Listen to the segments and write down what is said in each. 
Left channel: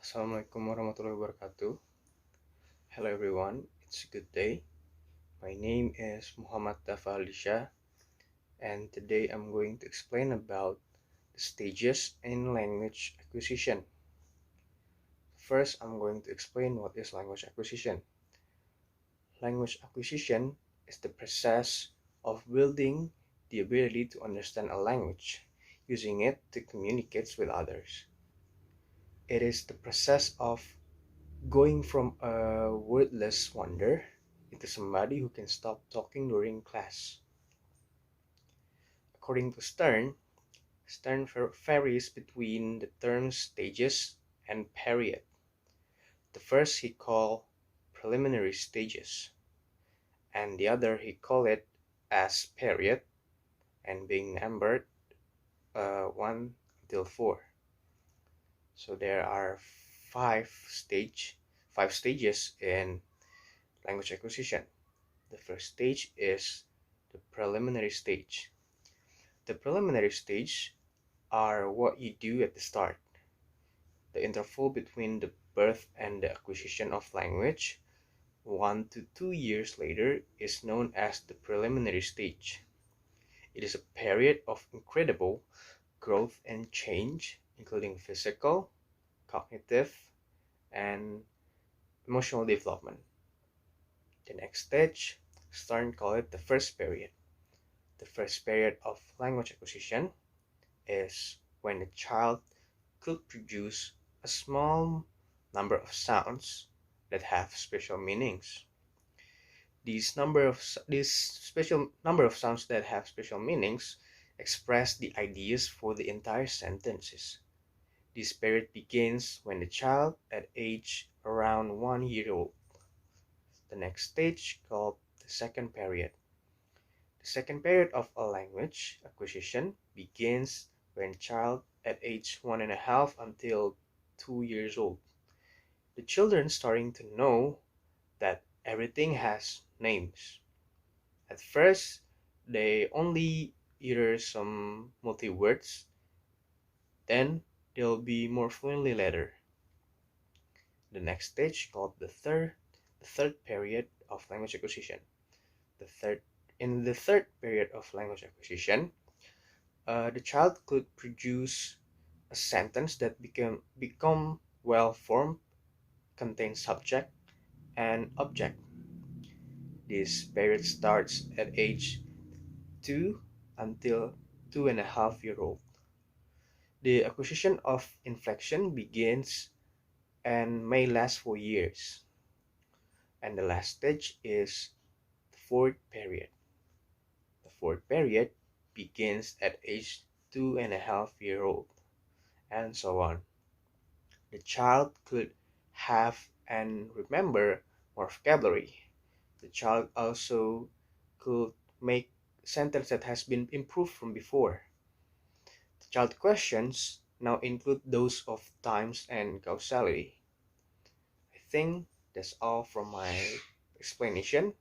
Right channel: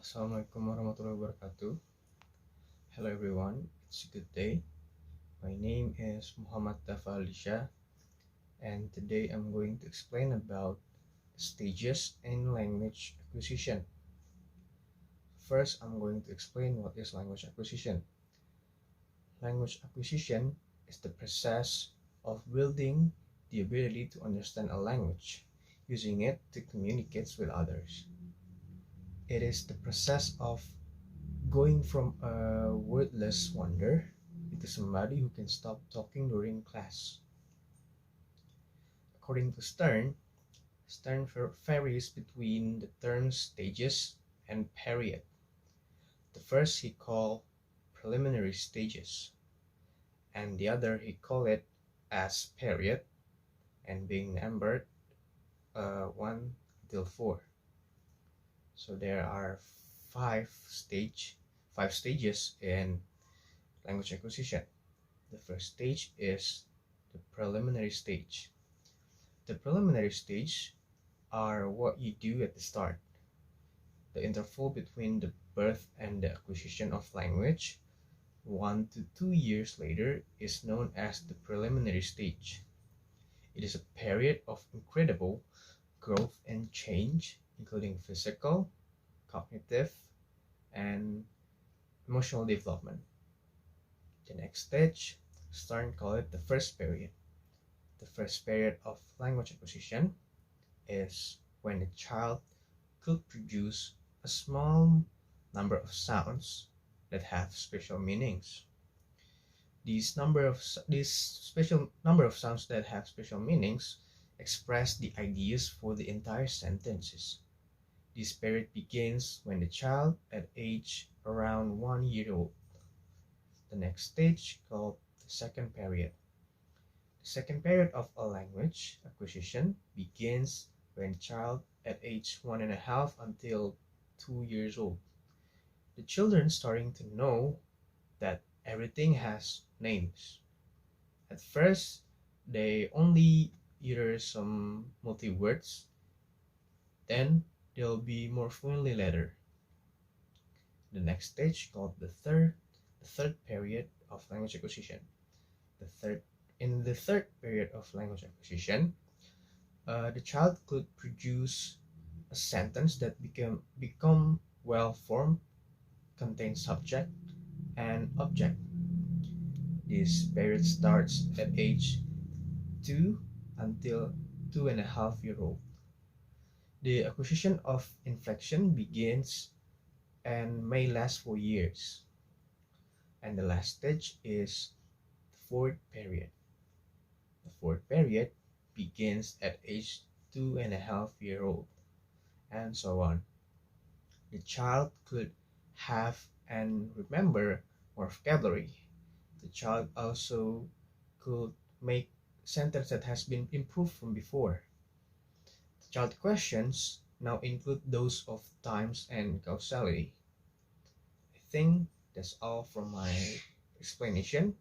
Assalamualaikum warahmatullahi wabarakatuh. Hello everyone, it's a good day. My name is Daffa Aldisya, and today I'm going to explain about the stages in language acquisition. First, I'm going to explain what is language acquisition. Language acquisition is the process of building the ability to understand a language, using it to communicate with others. It is the process of going from a wordless wonder into somebody who can stop talking during class. According to Stern varies between the terms stages and period. The first he called preliminary stages, and the other he called it as period, and being numbered 1 till 4. So there are five stages in language acquisition. The first stage is the preliminary stage. The preliminary stage are what you do at the start. The interval between the birth and the acquisition of language, 1 to 2 years later, is known as the preliminary stage. It is a period of incredible growth and change, including physical, cognitive, and emotional development. The next stage, Stern called it the first period. The first period of language acquisition is when the child could produce a small number of sounds that have special meanings. These special number of sounds that have special meanings express the ideas for the entire sentences. This period begins when the child at age around 1 year old. The next stage, called the second period. The second period of a language acquisition begins when child at age 1.5 until 2 years old. The children starting to know that everything has names. At first, they only utter some multi-words, then they'll be more fluently later. The next stage, called the third period of language acquisition. In the third period of language acquisition, the child could produce a sentence that become well formed, contains subject and object. This period starts at age 2 until 2.5 years old. The acquisition of inflection begins and may last for years. And the last stage is the fourth period. The fourth period begins at age 2.5 years old, and so on. The child could have and remember more vocabulary. The child also could make sentence that has been improved from before. The child questions now include those of times and causality. I think that's all from my explanation.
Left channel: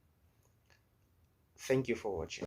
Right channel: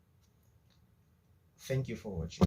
Thank you for watching.